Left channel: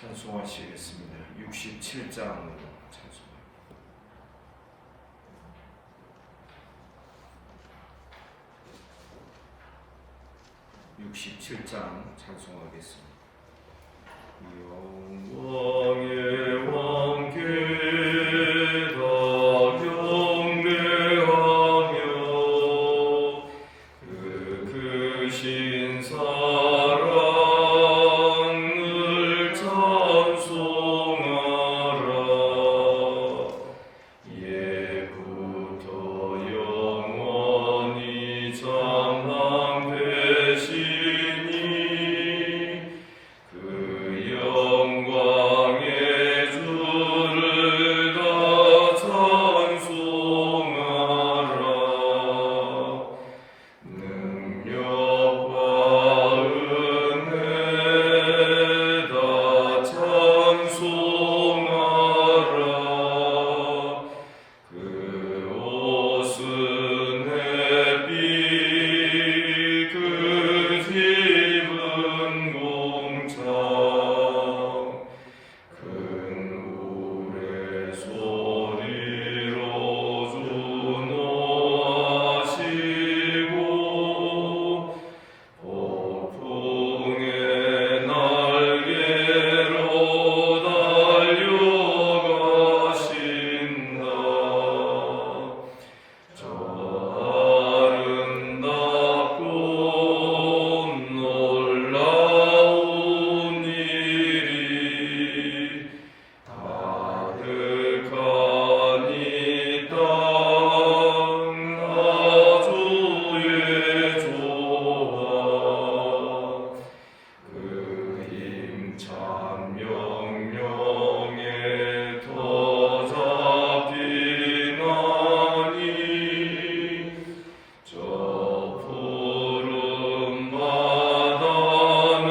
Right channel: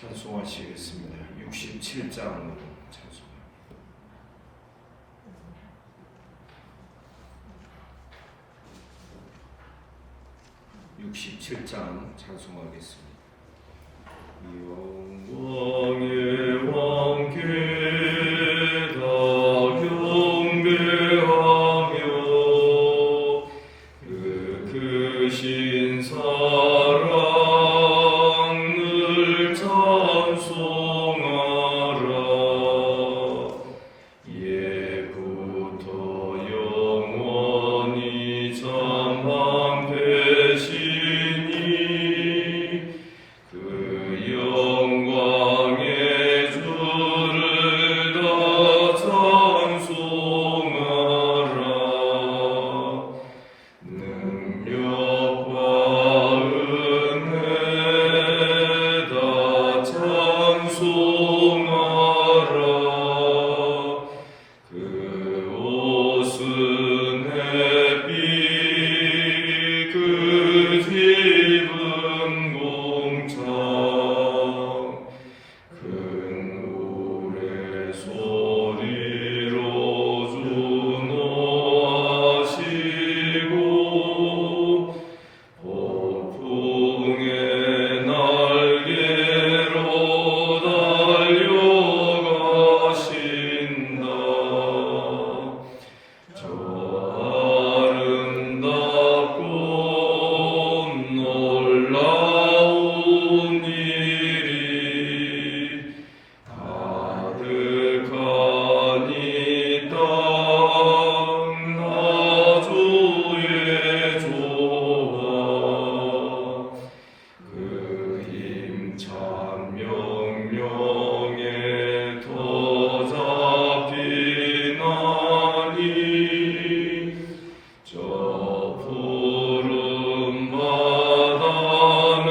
찬송하시겠습니다. 67장 찬송. 67장 찬송하겠습니다. 영광의 왕께다 경배하며 그 크신 사랑을 찬송하라. 예부터 영원히 참한 되시니 그 영광의 주를 다 찬송하라. 능력과 은혜 다 찬송하라. 그 옷은 햇빛 그 집은 공창 큰 우레소리로 준호하시고 폭풍의 날개로 달려가신다. 저 아름답고 놀라운 일이 가득한 이 땅 나주의 조화 그 힘찬 명령에 더 잡히나니 저 푸른 바다는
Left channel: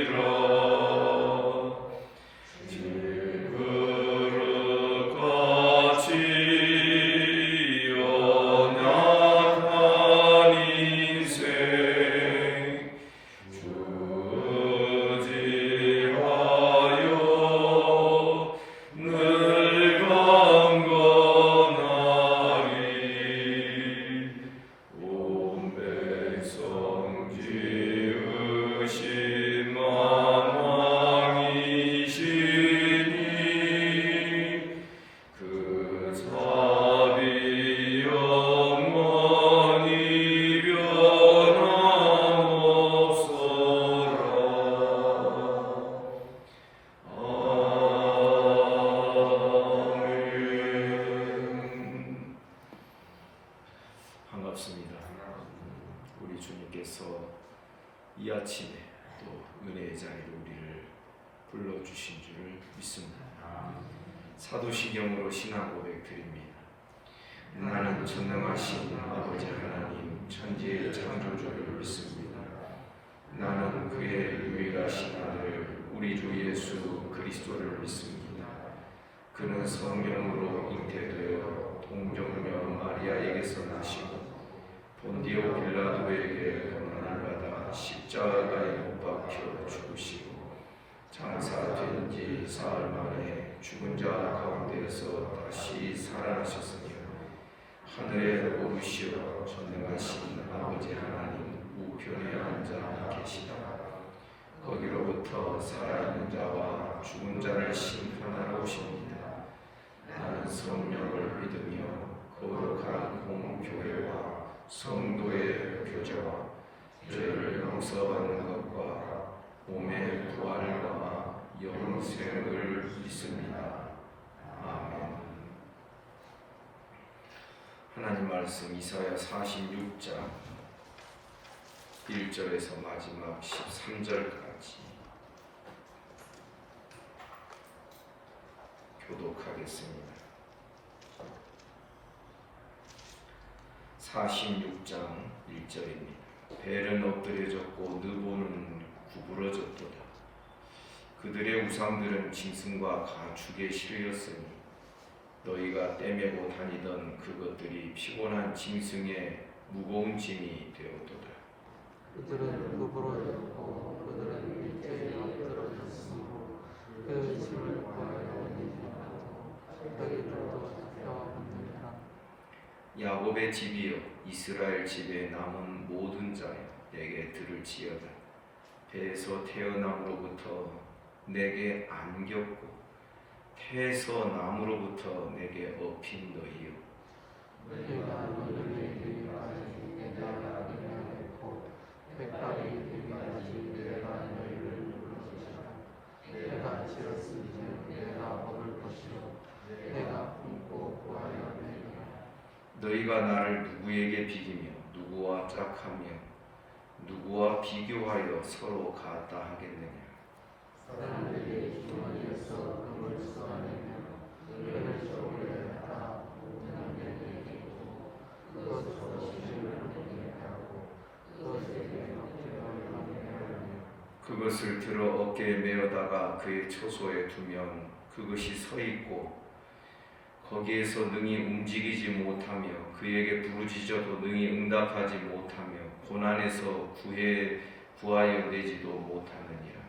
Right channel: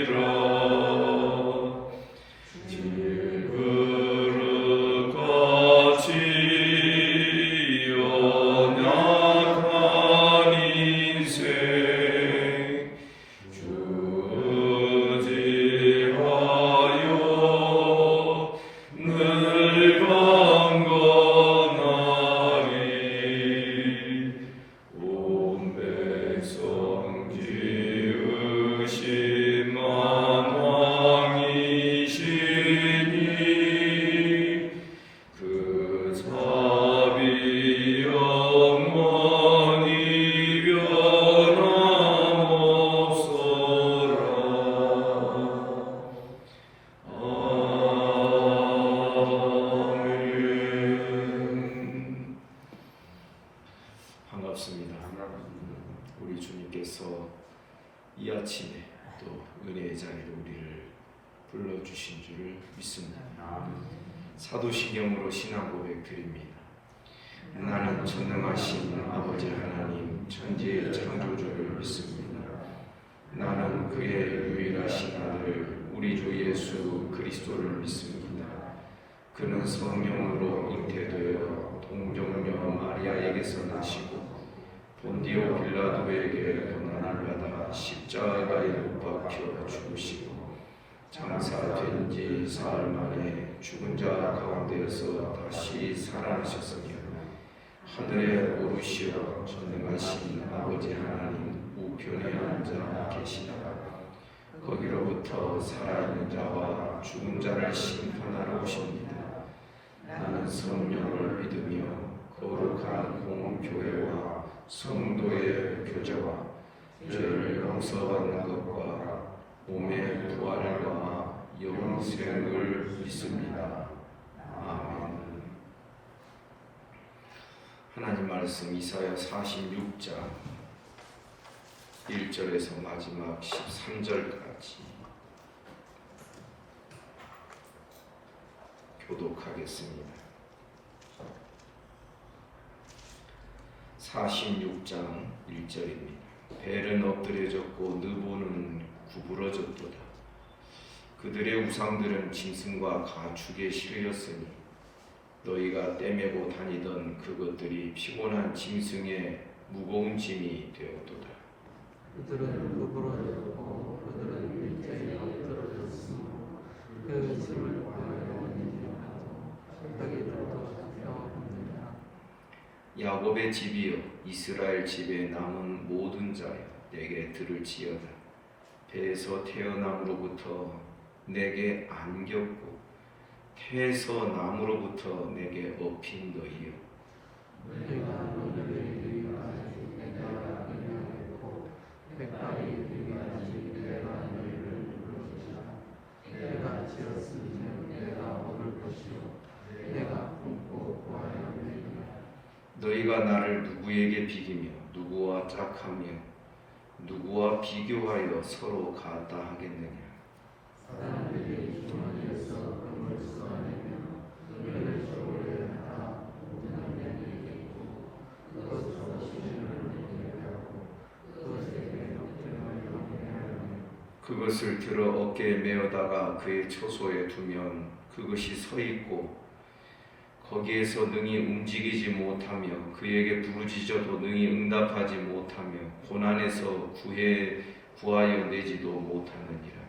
옷자락이라. 질그릇같이 연약한 인생 주지하여 늘 강건하리. 온 백성 지으신 만왕이시니 그 자비 영원히 변함없어라. 아멘. 반갑습니다. 우리 주님께서 이 아침에 또 은혜의 자리로 우리를 불러주신 줄을 믿습니다. 사도신경으로 신앙 고백 드립니다. 나는 전능하신 아버지 하나님 천지의 창조주를 믿습니다. 나는 그의 유일하신 아들 우리 주 예수 그리스도를 믿습니다. 그는 성령으로 잉태되어 동정녀 마리아에게서 나시고 본디오 빌라도에게 고난을 받아 십자가에 못 박혀 죽으시고 장사된 지 사흘 만에 죽은 자 가운데에서 다시 살아나셨으니 하늘에 오르시어 전능하신 아버지 하나님 우편에 앉아 계시다. 거기로부터 살아있는 자와 죽은 자를 심판하러 오십니다. 나는 성령을 믿으며 거룩한 공교회와 성도의 교제와 죄를 용서받는 것과 몸의 부활과 영생을 믿습니다. 아멘. 하나님 말씀 이사야 46장 1절에서 마지막 13절까지 교독하겠습니다. 46장 1절입니다. 벨은 엎드려졌고 느보는 구부러졌도다. 그들의 우상들은 짐승과 가축에 실렸으니 너희가 떼매고 다니던 그것들이 피곤한 짐승의 무거운 짐이 되었도다. 이들은 구부러져 야곱의 집이여 이스라엘 집에 남은 모든 자여 내게 들을지어다. 배에서 태어남으로부터 내게 안겼고 태에서 남으로부터 내게 업힌 너희여 너희가 나를 누구에게 비기며 누구와 짝하며 누구와 비교하여 서로 같다 하겠느냐. 그것을 들어 어깨에 메어다가 그의 처소에 두면 그것이 서 있고 거기에서 능히 움직이지 못하며 그에게 부르짖어도 능히 응답하지 못하며 고난에서 구하여 내지도 못하느니라.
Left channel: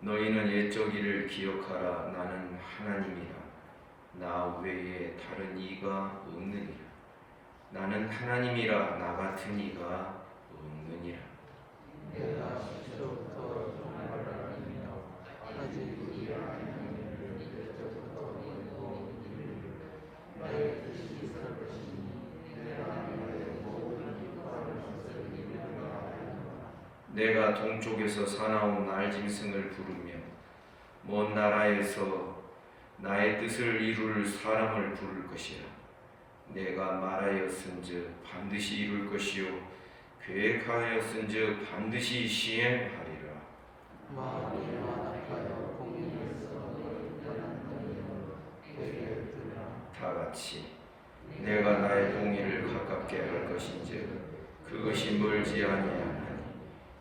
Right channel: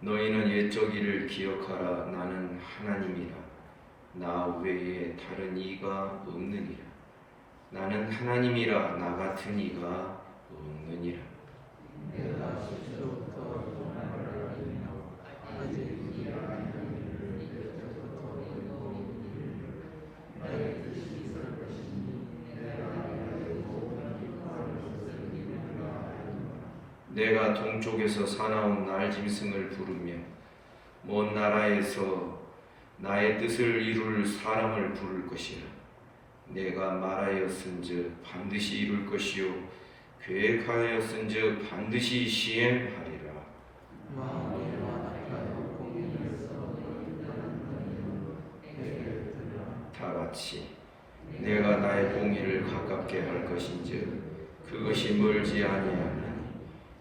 너희는 옛적 일을 기억하라. 나는 하나님이라. 나 외에 다른 이가 없느니라. 나는 하나님이라. 나 같은 이가 없느니라. 내가 동쪽에서 사나운 날짐승을 부르며 먼 나라에서 나의 뜻을 이룰 사람을 부를 것이라. 내가 말하였은즉 반드시 이룰 것이요 계획하였은즉 반드시 시행하리라. 다같이 내가 나의 공의를 가깝게 할 것인즉 그것이 멀지 아니하며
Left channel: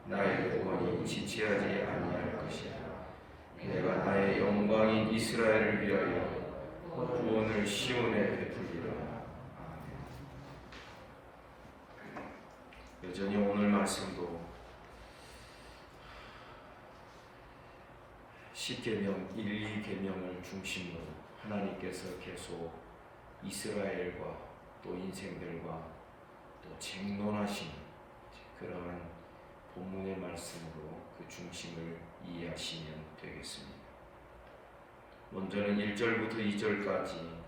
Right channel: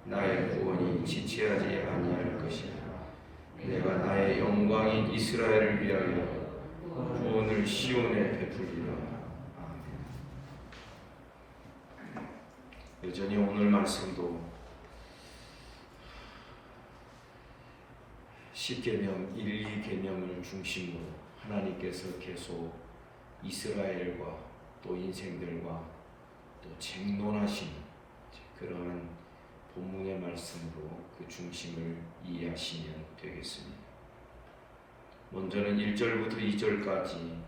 나의 구원이 지체하지 아니할 것이라. 내가 나의 영광인 이스라엘을 위하여 구원을 시온에 베풀리라. 여전히 오늘 말씀도 10개념, 1, 2개념을 중심으로 하나님께서 계속 이스라엘과 또 인생들과 또 쟁론하시는 그러한 본문의 말씀으로 그 중심을 이해하시면 되겠습니다. 먼저는 1절부터 2절까지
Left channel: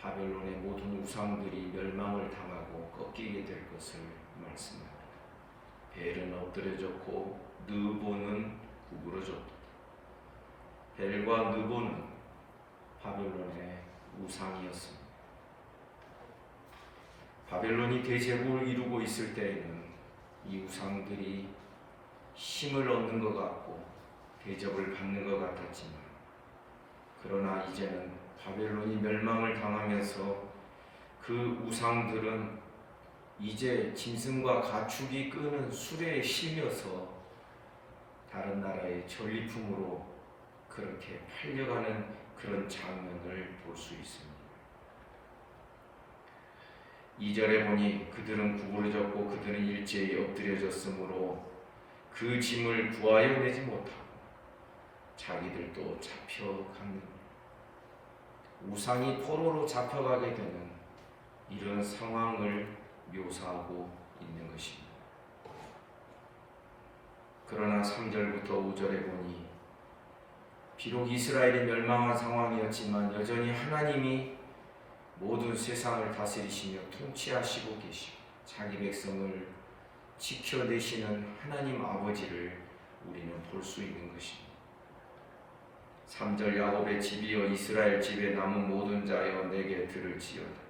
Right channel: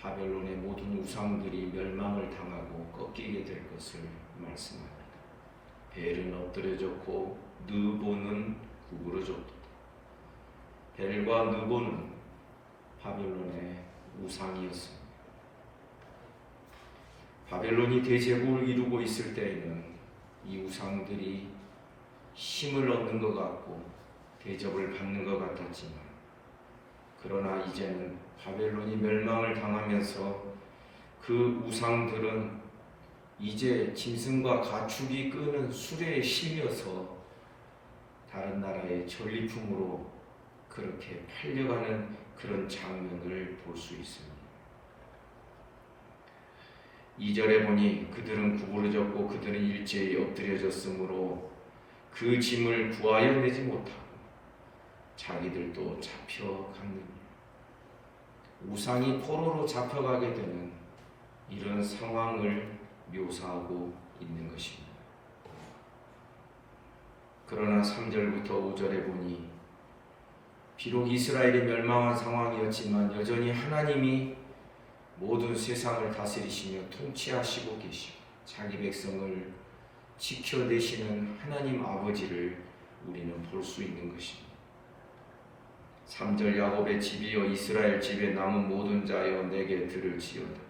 바벨론의 모든 우상들이 멸망을 당하고 꺾이게 될 것을 말씀합니다. 벨은 엎드려졌고 느보는 구부러졌다. 벨과 느보는 바벨론의 우상이었습니다. 바벨론이 대제국을 이루고 있을 때에는 이 우상들이 힘을 얻는 것 같고 대접을 받는 것 같았지만 그러나 이제는 바벨론이 멸망을 당하면서 그 우상들은 이제 짐승과 가축이 끄는 수레에 실려서 다른 나라의 전리품으로 그렇게 팔려가는 그런 장면을 볼 수 있습니다. 2절에 보니 그들은 구부러졌고 그들은 일제히 엎드려졌으므로 그 짐을 구하여 내지 못하고 자기들도 잡혀갔느니라. 우상이 포로로 잡혀가게 되는 이런 상황을 묘사하고 있는 것입니다. 그러나 3절부터 5절에 보니 비록 이스라엘이 멸망한 상황이었지만 여전히 하나님이 모든 세상을 다스리시며 통치하시고 계시고 자기 백성을 지켜내시는 하나님 아버지를 우리는 볼 수 있는 것입니다. 3절 야곱의 집이여 이스라엘 집에 남은 모든 자여 내게 들을지어다.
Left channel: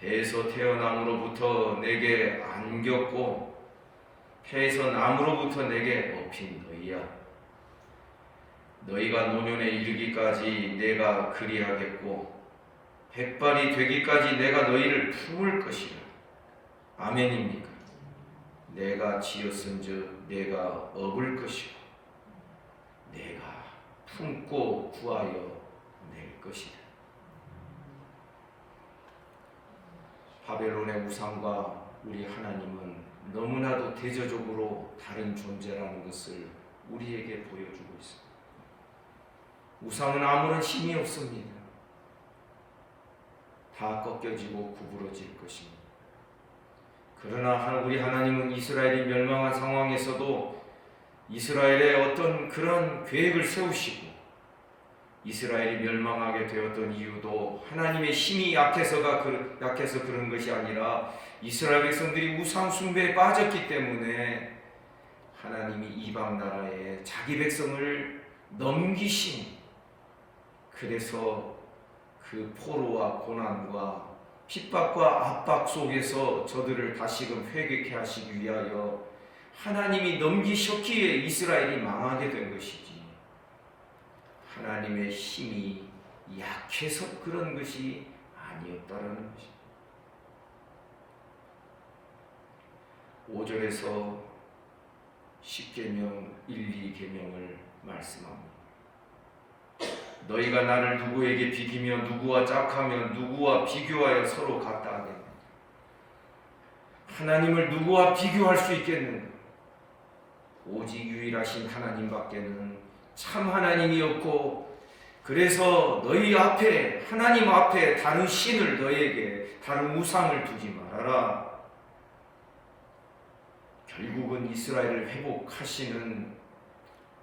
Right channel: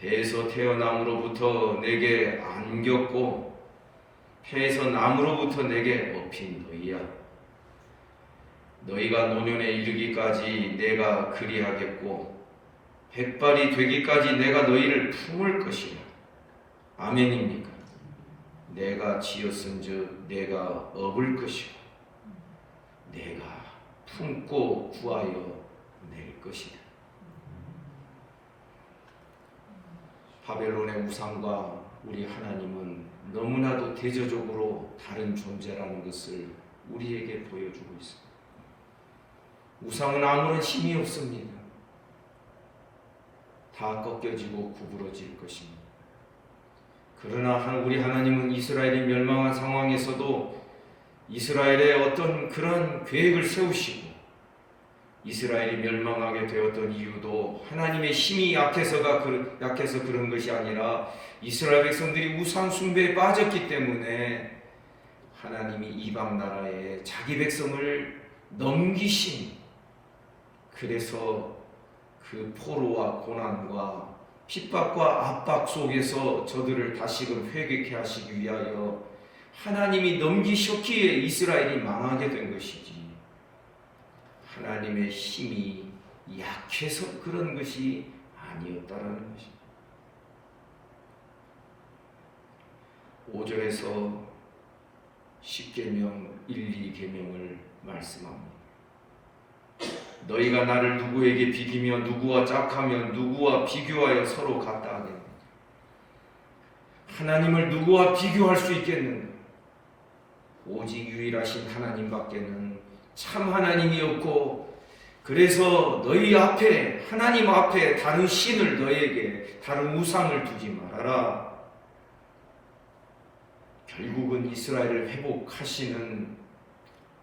배에서 태어남으로부터 내게 안겼고 태에서 남으로부터 내게 업힌 너희야. 너희가 노년에 이르기까지 내가 그리하겠고 백발이 되기까지 내가 너희를 품을 것이라. 아멘입니까? 내가 지었은즉 내가 업을 것이고 내가 품고 구하여 낼 것이다. 바벨론의 우상과 우리 하나님은 너무나도 대조적으로 다른 존재라는 것을 우리에게 보여주고 있습니다. 우상은 아무런 힘이 없습니다. 다 꺾여지고 구부러질 것입니다. 그러나 우리 하나님은 이스라엘이 멸망한 상황에서도 이스라엘의 어떤 그런 계획을 세우시고, 이스라엘이 멸망하게 되었던 이유도 하나님의 힘이 약해서 그런 것이 아니라 이스라엘 백성들이 우상 숭배에 빠졌기 때문에 하나님이 이방 나라에 자기 백성을 넘기신, 그래서 그 포로와 고난과 핍박과 압박 속에서 저들을 다시금 회개케 하시기 위하여 하나님이 넘기셨기에 이스라엘이 망하게 된 것이지, 하나님의 힘이 약해서 그런 것이 아니었다라는 것입니다. 5절에서 10계명 1, 2계명을 말씀합니다. 너희가 나를 누구에게 비기며 누구와 짝하며 누구와 비교하여 서로 같다 하겠느냐. 하나님을 누구와 비교할 수 있겠는가? 오직 유일하신 하나님밖에는 참 하나님이 없고, 그래서 너희 앞에, 하나님 앞에 다른 신을, 너희에게 다른 우상을 두지 말아라. 결국은 이스라엘을 회복하시는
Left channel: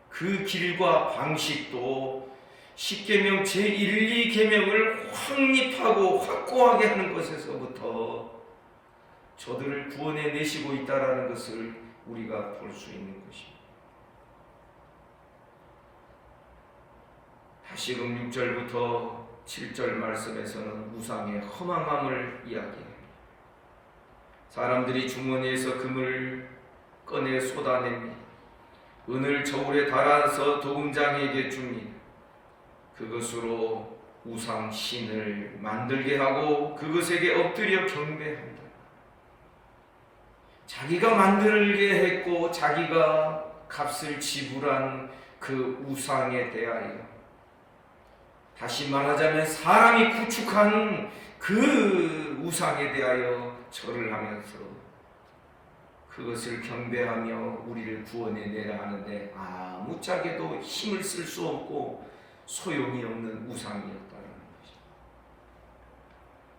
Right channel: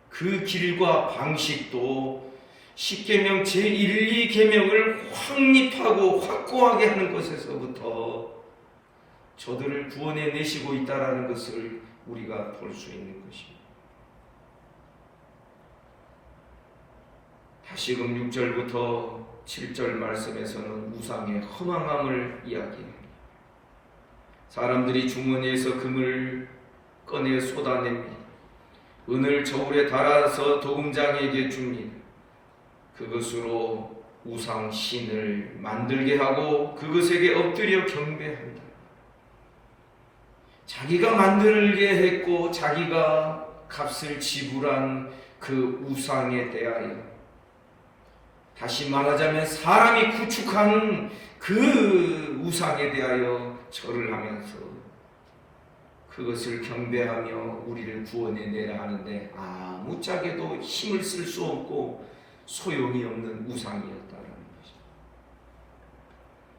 그 길과 방식도 10계명 제1, 2계명을 확립하고 확고하게 하는 것에서부터 저들을 구원해 내시고 있다는 것을 우리가 볼 수 있는 것입니다. 다시금 6절부터 7절 말씀에서는 우상의 허망함을 이야기합니다. 사람들이 주머니에서 금을 꺼내 쏟아냅니다. 은을 저울에 달아서 도금장에게 줍니다. 그것으로 우상 신을 만들게 하고 그것에게 엎드려 경배한다. 자기가 만들게 했고 자기가 값을 지불한 그 우상에 대하여, 다시 말하자면 사람이 구축한 그 우상에 대하여 절을 하면서 그것을 경배하며 우리를 구원해 내라 하는데 아무짝에도 힘을 쓸 수 없고 소용이 없는 우상이었다는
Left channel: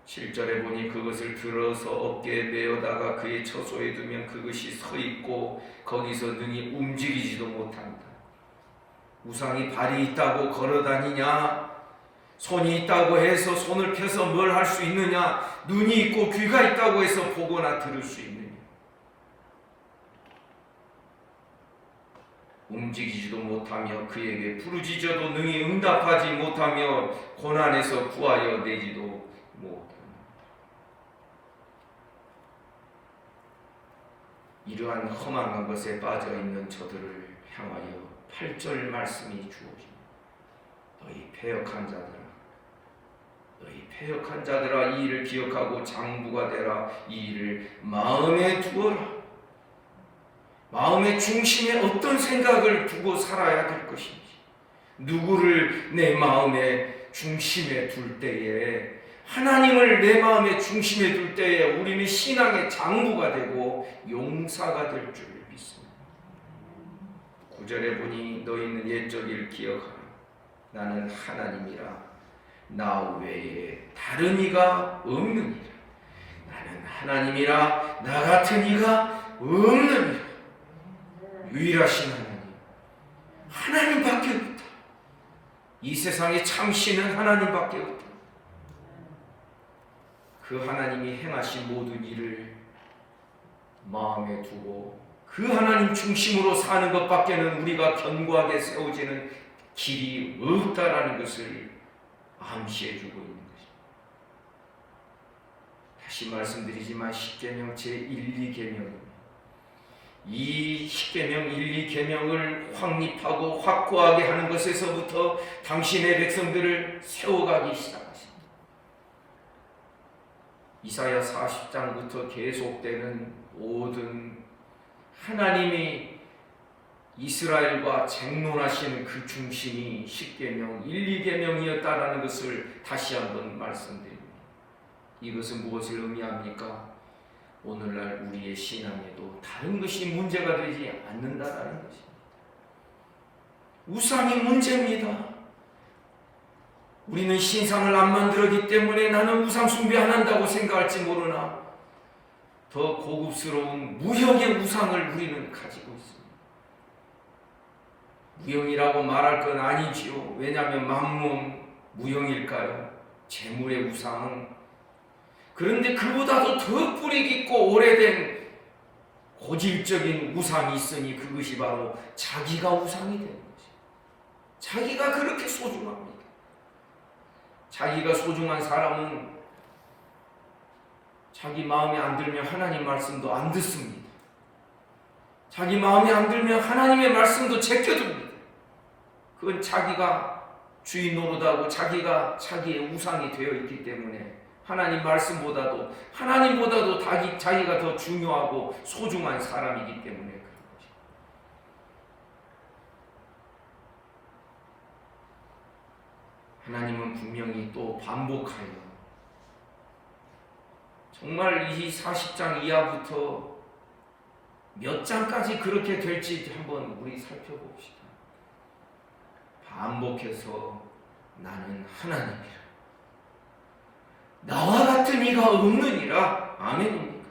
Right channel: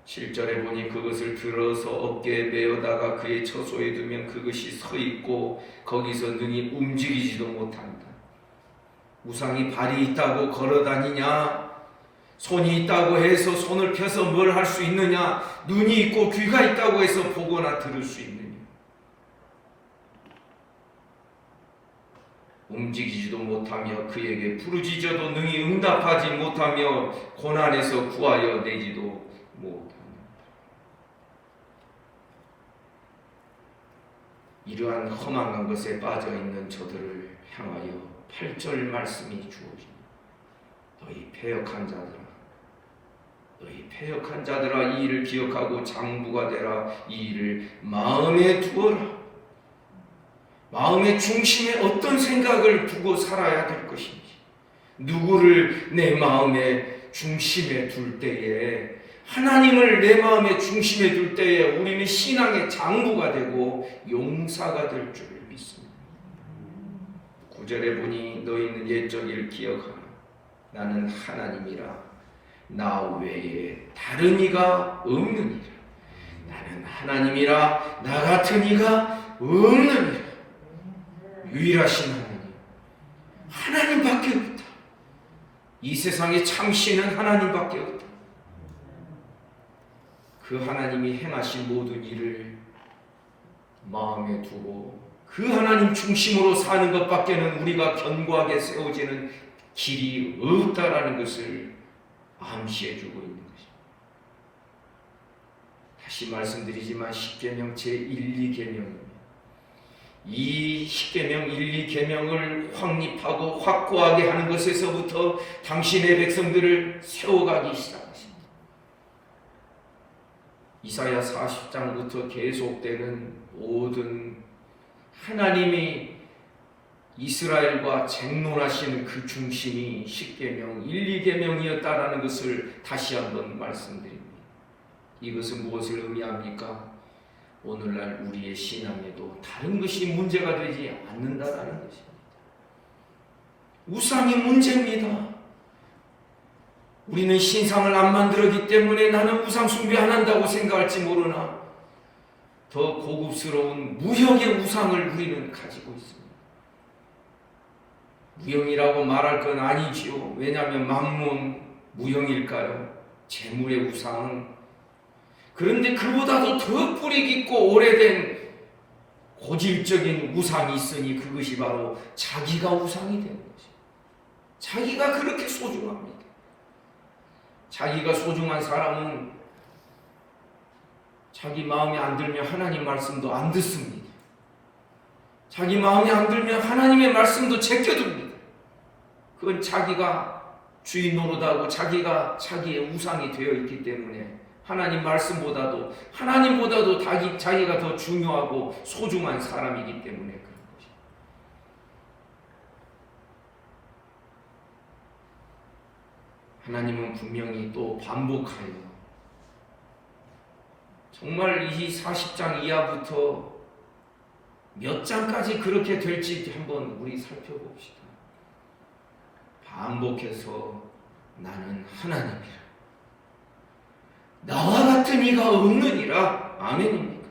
것이죠. 7절에 보니 그것을 들어서 어깨에 메어다가 그의 처소에 두면 그것이 서 있고 거기서 능히 움직이지도 못한다. 우상이 발이 있다고 걸어 다니냐? 손이 있다고 해서 손을 펴서 뭘 할 수 있느냐? 눈이 있고 귀가 있다고 해서 보거나 들을 수 있느냐? 움직이지도 못하며 그에게 부르짖어도 능히 응답하지 못하며 고난에서 구하여 내지도 못하며, 이러한 허망한 것에 빠져있는 저들을 향하여 8절 말씀이 주어집니다. 너희 패역한 자들아, 너희 패역한 자들아, 이 일을 기억하고 장부가 되라. 이 일을 마음에 두어라. 마음의 중심에 어떤 생각을 두고 살아야 될 것인지, 누구를 내 마음의 중심에 둘 때에, 하나님을 내 마음의 중심에 둘 때에 우리는 신앙의 장부가 되고 용사가 될 줄 믿습니다. 9절에 보니 너희는 옛적 일 기억하라. 나는 하나님이라. 나 외에 다른 이가 없느니라. 나는 하나님이라. 나 같은 이가 없느니라. 유일하신 하나님밖에 없다. 이 세상에 참신은 하나님밖에 없다. 그 하나님이 행하신 모든 일을 마음에 두고 그 하나님 중심으로 사는 것밖에는 우리가 견고하게 세워지는 길이 없다라는 것을 암시해주고 있는 것입니다. 다시 말씀드리지만 10계명 제1, 2계명은 이 10계명 1, 2계명을 확립하고 확고하게 하는 것에서부터 당신의 백성들을 세워가기 시작하십니다. 이사야 40장부터 계속되는 모든 하나님이 이스라엘과 쟁론하신 그 중심이 10계명 1, 2계명이었다라는 것을 다시 한번 말씀드립니다. 이것은 무엇을 의미합니까? 오늘날 우리의 신앙에도 다른 것이 문제가 되지 않는다라는 것입니다. 우상이 문제입니다. 우리는 신상을 안 만들었기 때문에 나는 우상 숭배 안 한다고 생각할지 모르나 더 고급스러운 무형의 우상을 우리는 가지고 있습니다. 무형이라고 말할 건 아니지요. 왜냐하면 만물 무형일까요? 재물의 우상은. 그런데 그보다도 더 뿌리 깊고 오래된 고질적인 우상이 있으니 그것이 바로 자기가 우상이 되는 거죠. 자기가 그렇게 소중합니다. 자기가 소중한 사람은 자기 마음에 안 들면 하나님 말씀도 안 듣습니다. 자기 마음에 안 들면 하나님의 말씀도 제껴둡니다. 그건 자기가 주인 노릇하고 자기가 자기의 우상이 되어 있기 때문에 하나님보다도 자기가 더 중요하고 소중한 사람이기 때문에 그런 거죠. 하나님은 분명히 또 반복하여 정말 이 40장 이하부터 몇 장까지 그렇게 될지 한번 우리 살펴봅시다. 반복해서 나는 하나님이라. 나와 같은 이가 없느니라. 아멘입니까?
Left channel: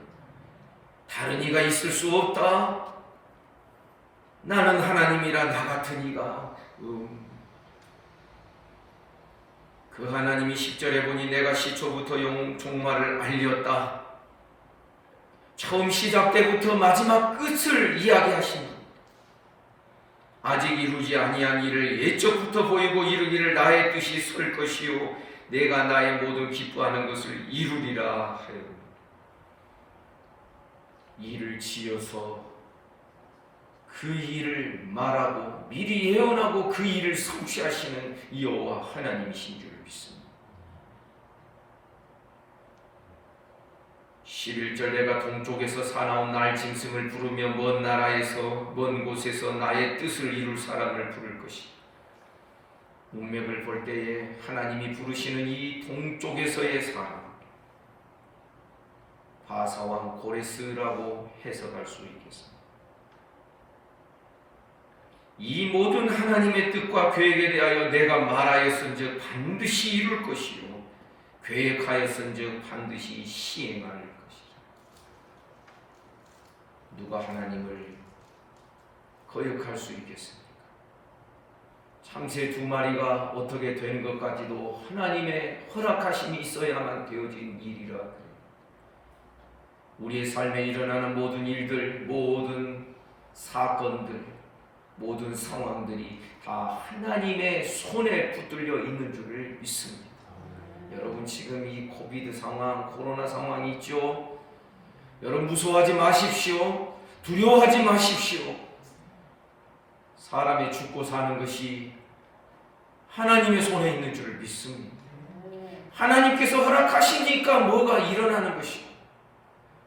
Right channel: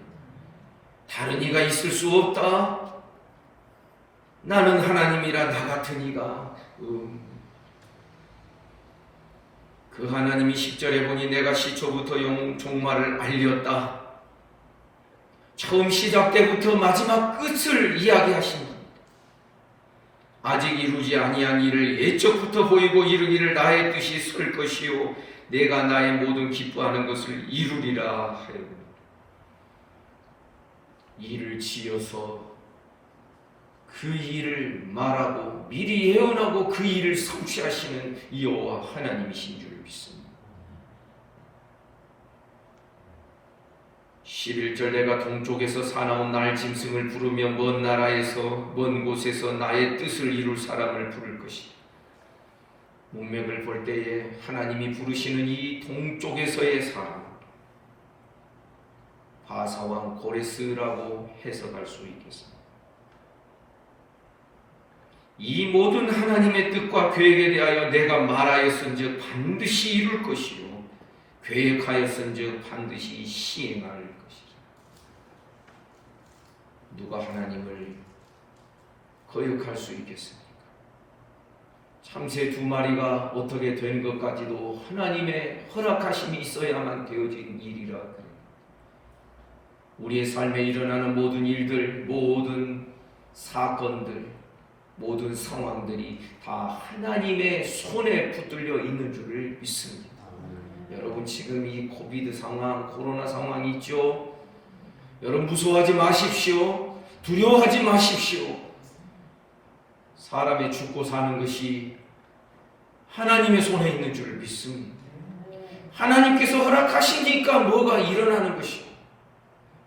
다른 이가 있을 수 없다. 나는 하나님이라. 나 같은 이가 그 하나님이 10절에 보니 내가 시초부터 종말을 알렸다. 처음 시작 때부터 마지막 끝을 이야기하십니다. 아직 이루지 아니한 일을 예적부터 보이고 이루기를 나의 뜻이 설 것이요 내가 나의 모든 기뻐하는 것을 이루리라 하여 일을 지어서 그 일을 말하고 미리 예언하고 그 일을 성취하시는 여호와 하나님이신 줄 믿습니다. 11절 내가 동쪽에서 사나운 나의 짐승을 부르며 먼 나라에서 먼 곳에서 나의 뜻을 이룰 사람을 부를 것이다. 문맥을 볼 때에 하나님이 부르시는 이 동쪽에서의 사람 바사왕 고레스라고 해석할 수 있겠습니다. 이 모든 하나님의 뜻과 계획에 대하여 내가 말하였은즉 반드시 이룰 것이요 계획하였은즉 반드시 시행할 것이다. 누가 하나님을 거역할 수 있겠습니까? 참새 2마리가 어떻게 된 것까지도 하나님의 허락하심이 있어야만 되어진 일이라 그래요. 우리의 삶에 일어나는 모든 일들, 모든 사건들, 모든 상황들이 다 하나님의 손에 붙들려 있는 줄을 믿습니다. 여러분 지금 이 코비드 상황, 코로나 상황이 있죠? 여러분 무서워하지 마십시오. 두려워하지 마십시오. 사람이 죽고 사는 것이 하나님의 손에 있는 줄을 믿습니다. 하나님께서 허락하시니까 뭐가 일어나는 것이요.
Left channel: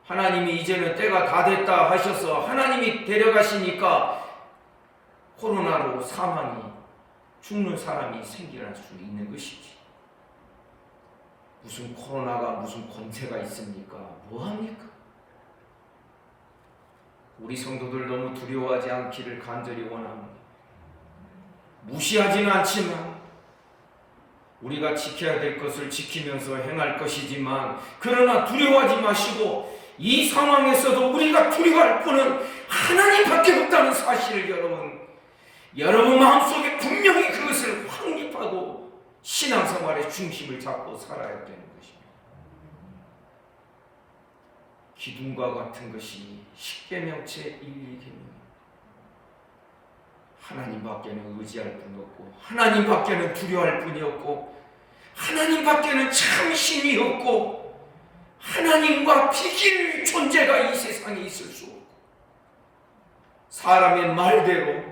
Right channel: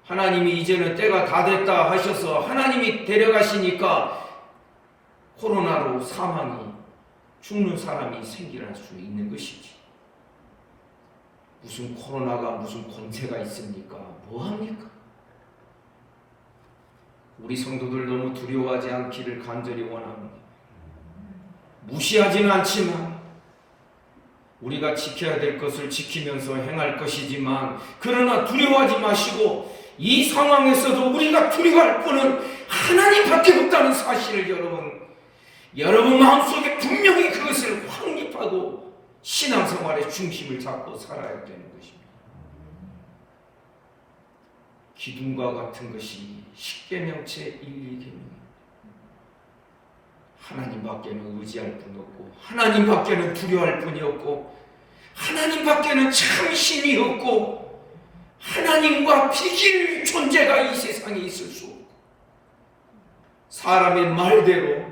하나님이 이제는 때가 다 됐다 하셔서 하나님이 데려가시니까 코로나로 사망이 죽는 사람이 생겨날 수 있는 것이지. 무슨 코로나가 무슨 권세가 있습니까? 뭐합니까? 우리 성도들 너무 두려워하지 않기를 간절히 원합니다. 무시하지는 않지만 우리가 지켜야 될 것을 지키면서 행할 것이지만 그러나 두려워하지 마시고 이 상황에서도 우리가 두려워할 분은 하나님밖에 없다는 사실을 여러분 마음속에 분명히 그것을 확립하고 신앙생활의 중심을 잡고 살아야 되는 것입니다. 기둥과 같은 것이 십계명체 1,2계명. 하나님밖에는 의지할 분이 없고 하나님밖에는 두려워할 분이 없고 하나님밖에는 참 신이 없고 하나님과 비길 존재가 이 세상에 있을 수 없고 사람의 말대로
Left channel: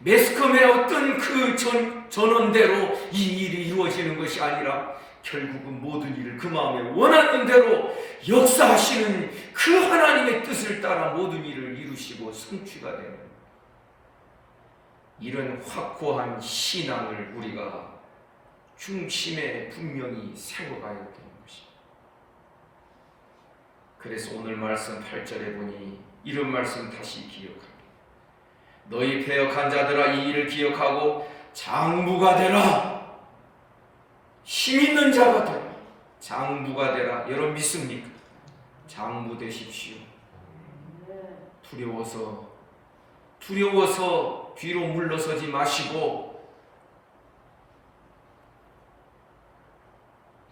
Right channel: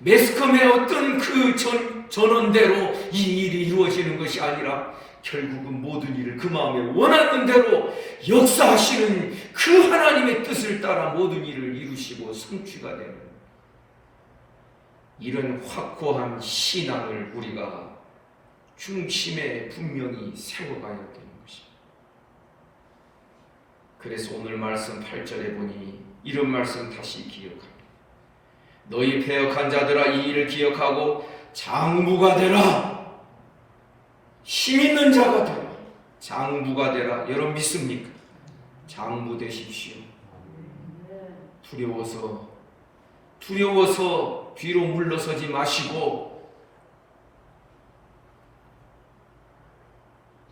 매스컴의 어떤 그 전원대로 이 일이 이루어지는 것이 아니라 결국은 모든 일을 그 마음에 원하는 대로 역사하시는 그 하나님의 뜻을 따라 모든 일을 이루시고 성취가 되는 이런 확고한 신앙을 우리가 중심에 분명히 세워가야 되는 것입니다. 그래서 오늘 말씀 8절에 보니 이런 말씀 다시 기억합니다. 너희 패역한 자들아, 이 일을 기억하고 장부가 되라. 힘 있는 자가 되라. 장부가 되라. 여러분 믿습니까? 장부 되십시오. 두려워서 뒤로 물러서지 마시고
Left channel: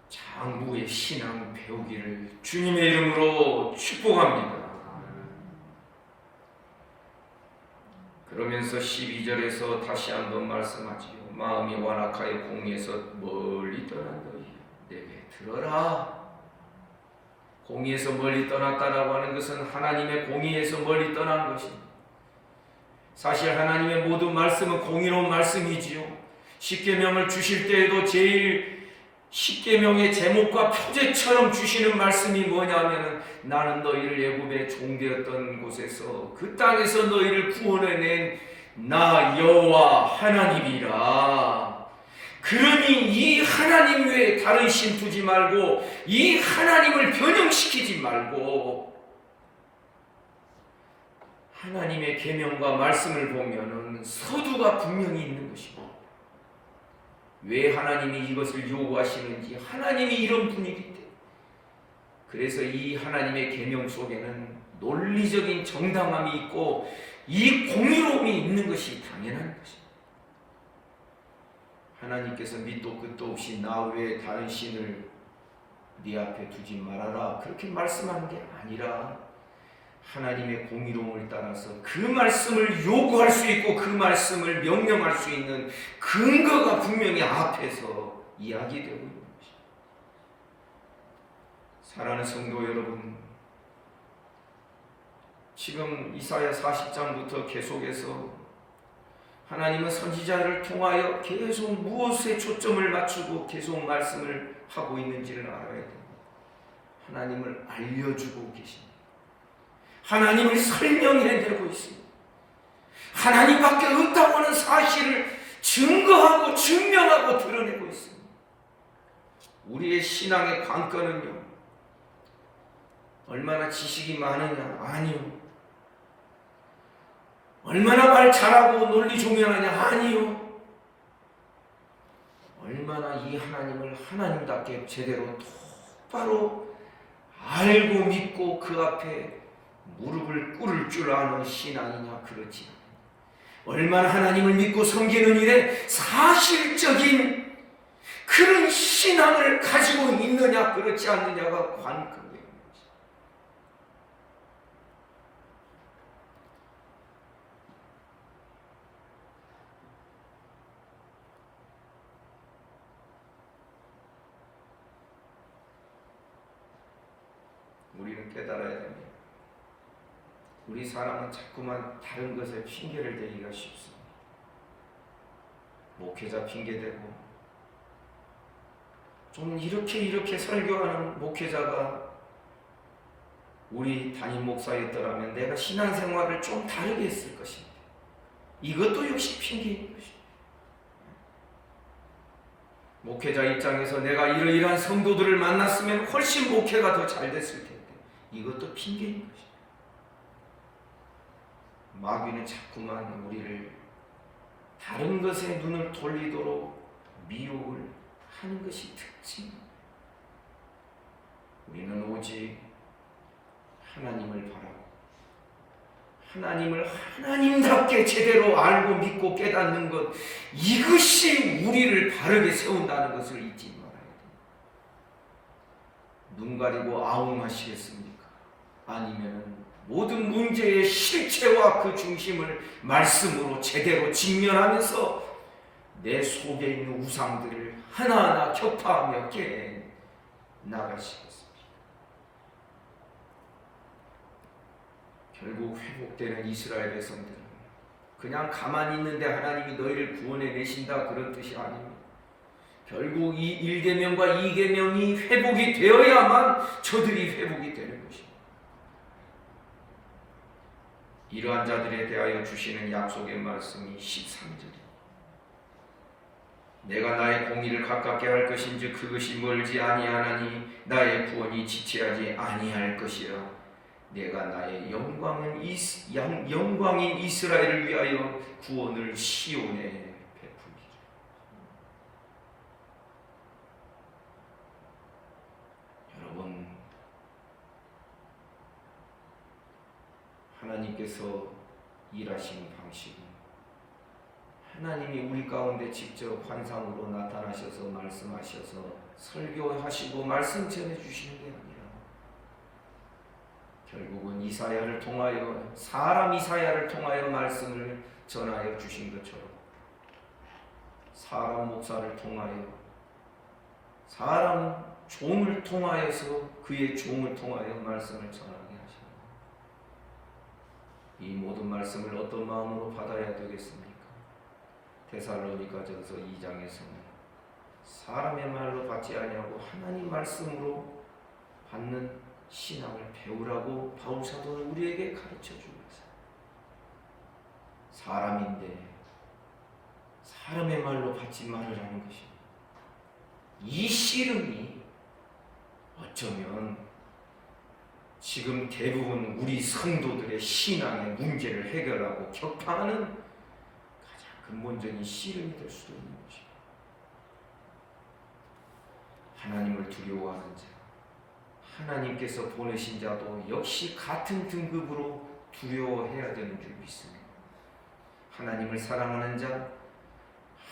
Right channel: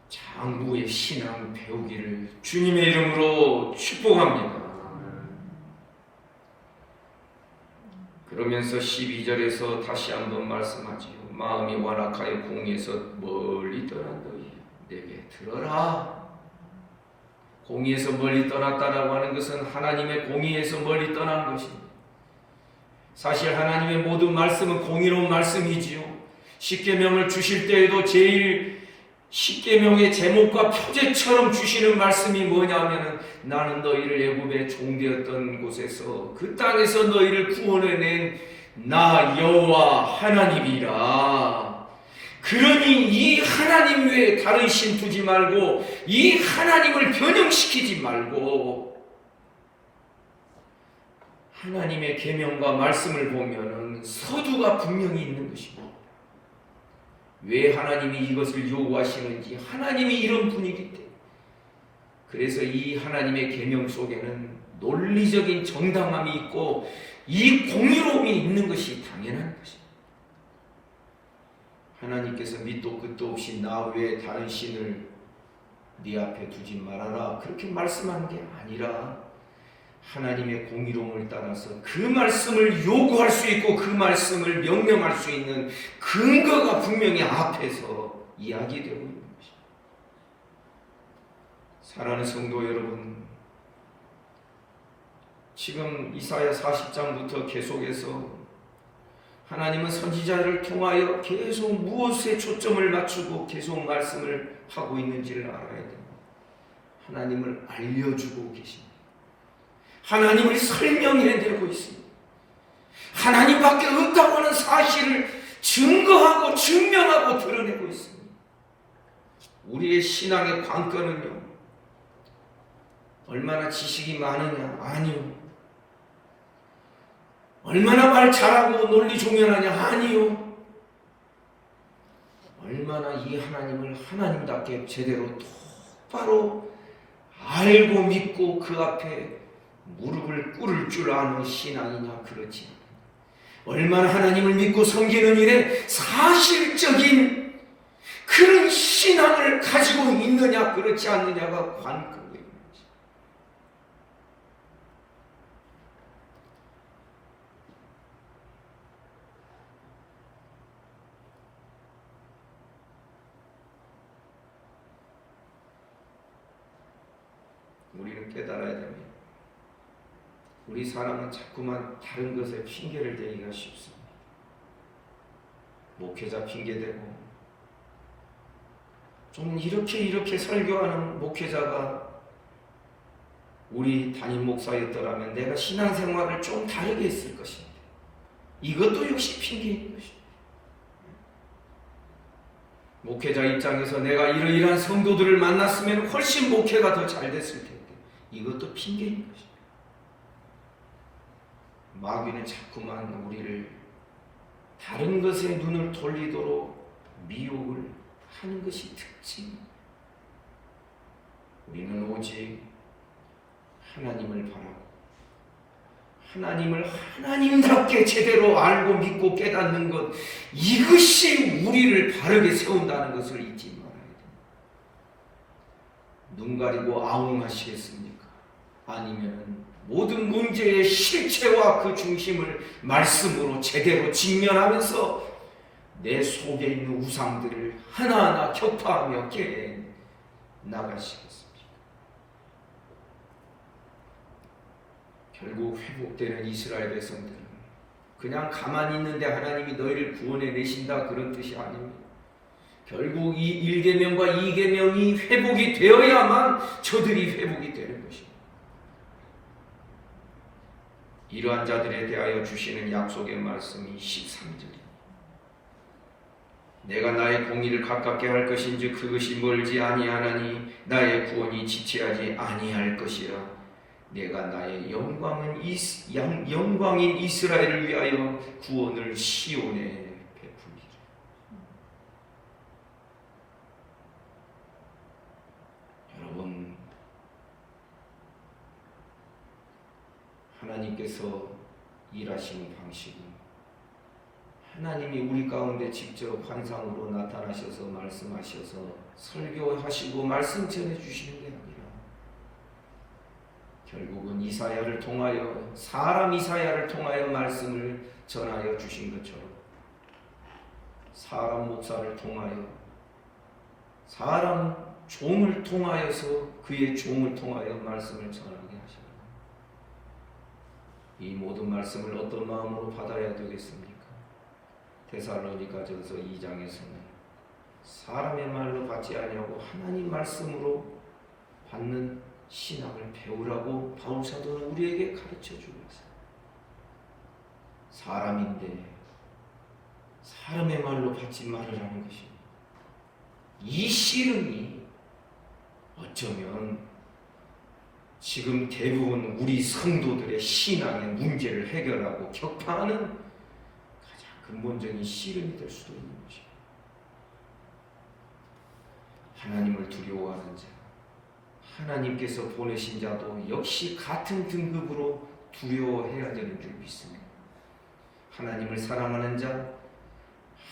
장부의 신앙 배우기를 주님의 이름으로 축복합니다. 그러면서 12절에서 다시 한번 말씀하지요. 마음이 완악하여 공의에서 멀리 떠난 너희 내게 들어라. 공의에서 멀리 떠났다라고 하는 것은 하나님의 공의에서 멀리 떠난 것입니다. 사실 하나님의 모든 말씀은 공의로운 말씀이지요. 십계명을 주실 때에도 제일 십계명의 제목과 표제처럼 주시는 말씀이 뭐냐면은 나는 너희를 애굽의 종되었던 곳에서 그 땅에서 너희를 구원해낸 나 여호와 하나님이라. 그러니 이 하나님 외에 다른 신 두지 말고 이 하나님을 변형시키지 말고 하나님의 계명과 말씀을 보면은 서두가 분명히 있는 것입니다. 왜 하나님이 이것을 요구하시는지, 하나님이 이런 분이기 때문에. 그래서 이 하나님의 계명 속에는 논리적인 정당함이 있고 이 공의로움이 있는 것이 당연한 것입니다. 하나님께서 밑도 끝도 없이 나 외에 다른 신을 네 앞에 두지 말아라 그렇게 말씀하는 게 아니라 하나님의 공의로움을 따라서 그 말씀을 요구할 수 있고 그 말씀을 명령할 수 있는 근거가 분명히 앞에서 이야기되고 있는 것입니다. 사랑하는 성도 여러분, 지금 이사야 40장부터 계속해서 하나님은 선지자를 통하여 계속 무엇에 초점을 맞추고 계속 말씀을 하고 있는지를 알아야 됩니다. 하나님을 알려주고 계십니다. 하나님을 설명해내고 있습니다. 하나님밖에 없다고 하는 사실을 증거하고 증명하고 드러내고 있습니다. 우리의 신앙의 관건은요, 얼마나 지식이 많으냐? 아니요. 얼마나 말 잘하고 논리 종연하냐? 아니요. 얼마나 이 하나님을 하나님답게 제대로 똑바로 알고 믿고 그 앞에 무릎을 꿇을 줄 아는 신앙이냐? 그렇지 않아요. 얼마나 하나님을 믿고 섬기는 일에 사실적인 그런 신앙을 가지고 있느냐? 그렇지 않느냐가 관건이에요. 우리는 깨달아야 됩니다. 우리 사람은 자꾸만 다른 것에 핑계를 대기가 쉽습니다. 목회자 핑계대고, 좀 이렇게 설교하는 목회자가 우리 담임 목사였더라면 내가 신앙생활을 좀 다르게 했을 것입니다. 이것도 역시 핑계인 것입니다. 목회자 입장에서 내가 이러이러한 성도들을 만났으면 훨씬 목회가 더 잘 됐을 텐데 이것도 핑계인 것입니다. 마귀는 자꾸만 우리를 다른 것에 눈을 돌리도록 미혹을 하는 것이 특징입니다. 우리는 오직 하나님을 바라고 하나님을 하나님답게 제대로 알고 믿고 깨닫는 것, 이것이 우리를 바르게 세운다는 것을 잊지 말아야 됩니다. 눈 가리고 아웅하시겠습니까? 아니면 모든 문제의 실체와 그 중심을 말씀으로 제대로 직면하면서 내 속에 있는 우상들을 하나하나 격파하며 깨내 나가시겠습니다. 결국 회복되는 이스라엘 백성들은 그냥 가만히 있는데 하나님이 너희를 구원해 내신다 그런 뜻이 아닙니다. 결국 이 1계명과 2계명이 회복이 되어야만 저들이 회복이 되는 것입니다. 이러한 자들에 대하여 주시는 약속의 말씀이 13절입니다. 내가 나의 공의를 가깝게 할 것인지 그것이 멀지 아니하나니 나의 구원이 지체하지 아니할 것이라. 내가 나의 영광인 이스라엘을 위하여 구원을 시온에 베풀리라. 여러분, 하나님께서 일하시는 방식은 하나님이 우리 가운데 직접 환상으로 나타나셔서 말씀하셔서 설교하시고 말씀 전해주시는 게 아니라 결국은 이사야를 통하여, 사람 이사야를 통하여 말씀을 전하여 주신 것처럼 사람 목사를 통하여, 사람 종을 통하여서 그의 종을 통하여 말씀을 전하게 하십니다. 이 모든 말씀을 어떤 마음으로 받아야 되겠습니까? 데살로니가전서 2장에서는 사람의 말로 받지 아니하고 하나님 말씀으로 받는 신앙을 배우라고 바울 사도는 우리에게 가르쳐 주고 있어요. 사람인데 사람의 말로 받지 말으라는 것입니다. 이 씨름이 어쩌면 지금 대부분 우리 성도들의 신앙의 문제를 해결하고 격파하는 가장 근본적인 씨름이 될 수도 있는 것입니다. 하나님을 두려워하는 자, 하나님께서 보내신 자도 역시 같은 등급으로 두려워해야 되는 줄 믿습니다. 하나님을 사랑하는 자,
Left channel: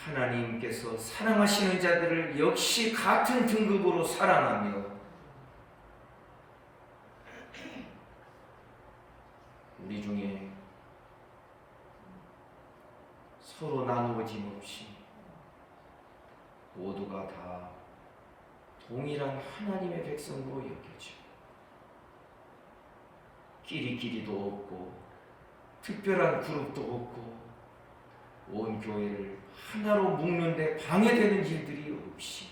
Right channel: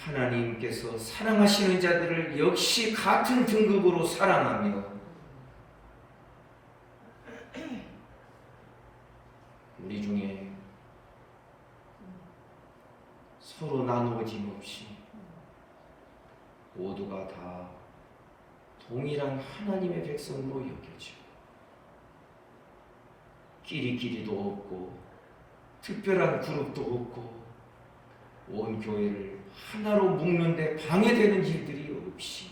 하나님께서 사랑하시는 자들을 역시 같은 등급으로 사랑하며 우리 중에 서로 나누어짐 없이 모두가 다 동일한 하나님의 백성으로 여겨지고 끼리끼리도 없고 특별한 그룹도 없고 온 교회를 하나로 묶는데 방해되는 일들이 없이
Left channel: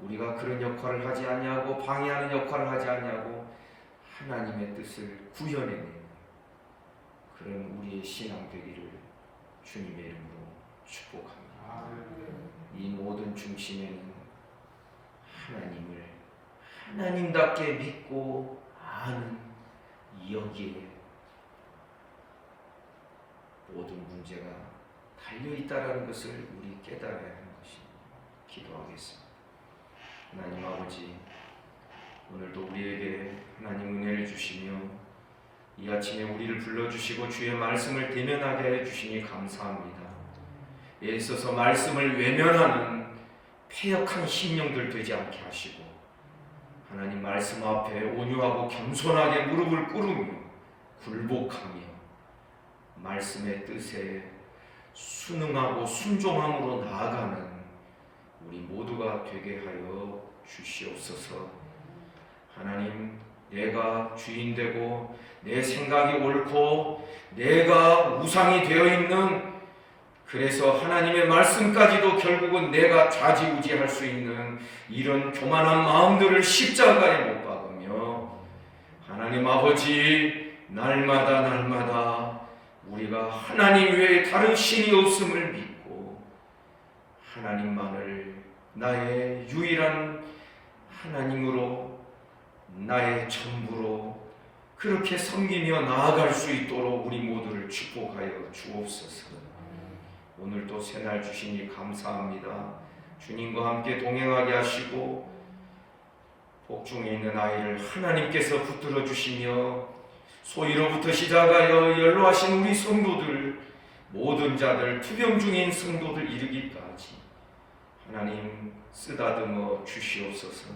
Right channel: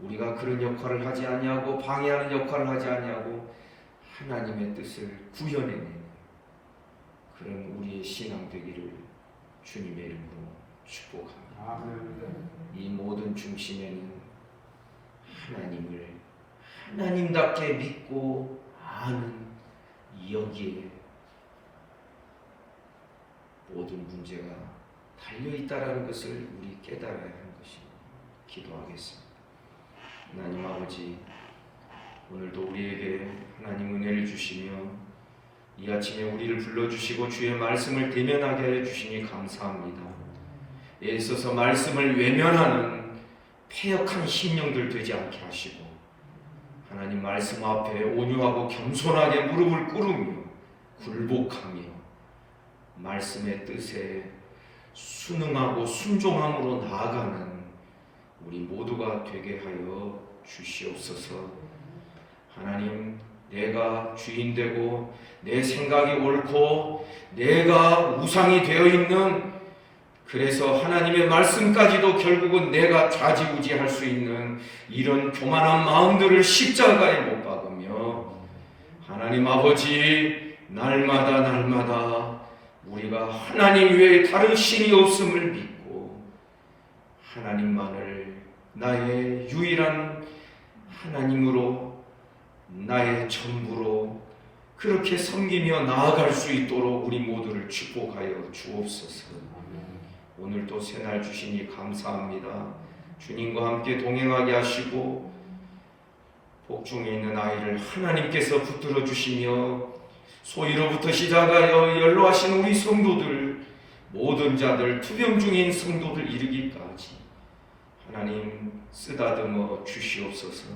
우리가 그런 역할을 하지 않냐고 방해하는 역할을 하지 않냐고 하나님의 뜻을 구현해내는 그런 우리의 신앙 되기를 주님의 이름으로 축복합니다. 이 모든 중심에는 하나님을 하나님답게 믿고 아는 여기에 모든 문제가 달려있다는 것을 우리 깨달아야 하는 것입니다. 기도하겠습니다. 하나님 아버지, 오늘도 우리에게 하나님 은혜를 주시며 이 아침에 우리를 불러주시고 주의 말씀을 대면하게 해주시니 감사합니다. 애써서 말씀을 외면하는 패역한 심령들 되지 않게 하시고 하나님 말씀 앞에 온유하고 겸손하게 무릎을 꿇으며 굴복하며 말씀의 뜻에 순응하고 순종함으로 나아가는 우리 모두가 되게 하여 주시옵소서. 하나님, 내가 주인 되고 내 생각이 옳고 내가 우상이 되어 있는, 그래서 하나님의 말씀까지도 결국은 내가 좌지우지할 수 있는 이런 교만한 마음들을 십자가에 못 박으며 하나님 아버지, 날마다 우리가 하나님 외에 다른 신이 없음을 믿고 하나님만을 나의 유일한 하나님으로, 나의 전부로 그렇게 섬기며 나아갈 수 있도록 우리 모두를 축복하여 주옵소서. 오늘도 새날 주시니 감사합니다. 주님과 함께 동행하게 하시고 복중에 있는 아이를 하나님께서 붙들어 주시며 소위로부터 시작하여 연로하신 우리 성도들, 모든 자들, 투병 중인 성도들 이르기까지 하나님 쓰다듬어 주시옵소서.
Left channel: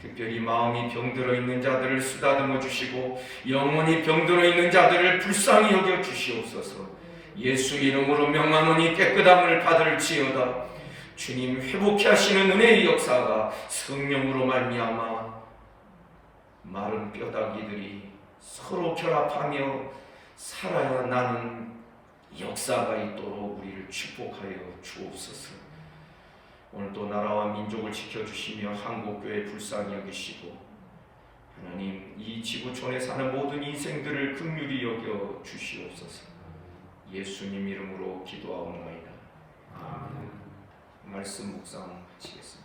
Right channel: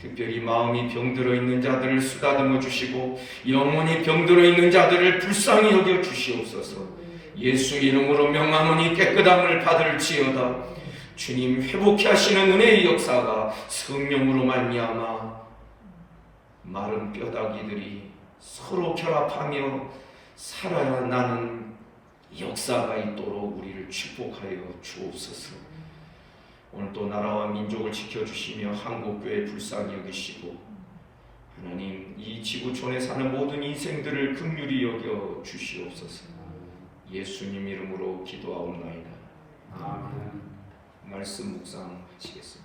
특별히 마음이 병들어 있는 자들을 쓰다듬어 주시고 영혼이 병들어 있는 자들을 불쌍히 여겨 주시옵소서. 예수 이름으로 명하노니 깨끗함을 받을지어다. 주님, 회복케 하시는 은혜의 역사가 성령으로 말미암아 마른 뼈다귀들이 서로 결합하며 살아나는 역사가 있도록 우리를 축복하여 주옵소서. 오늘도 나라와 민족을 지켜주시며 한국교회 불쌍히 여기시고 하나님, 이 지구촌에 사는 모든 인생들을 긍휼히 여겨 주시옵소서. 예수님 이름으로 기도하옵나이다. 말씀 묵상하시겠습니다.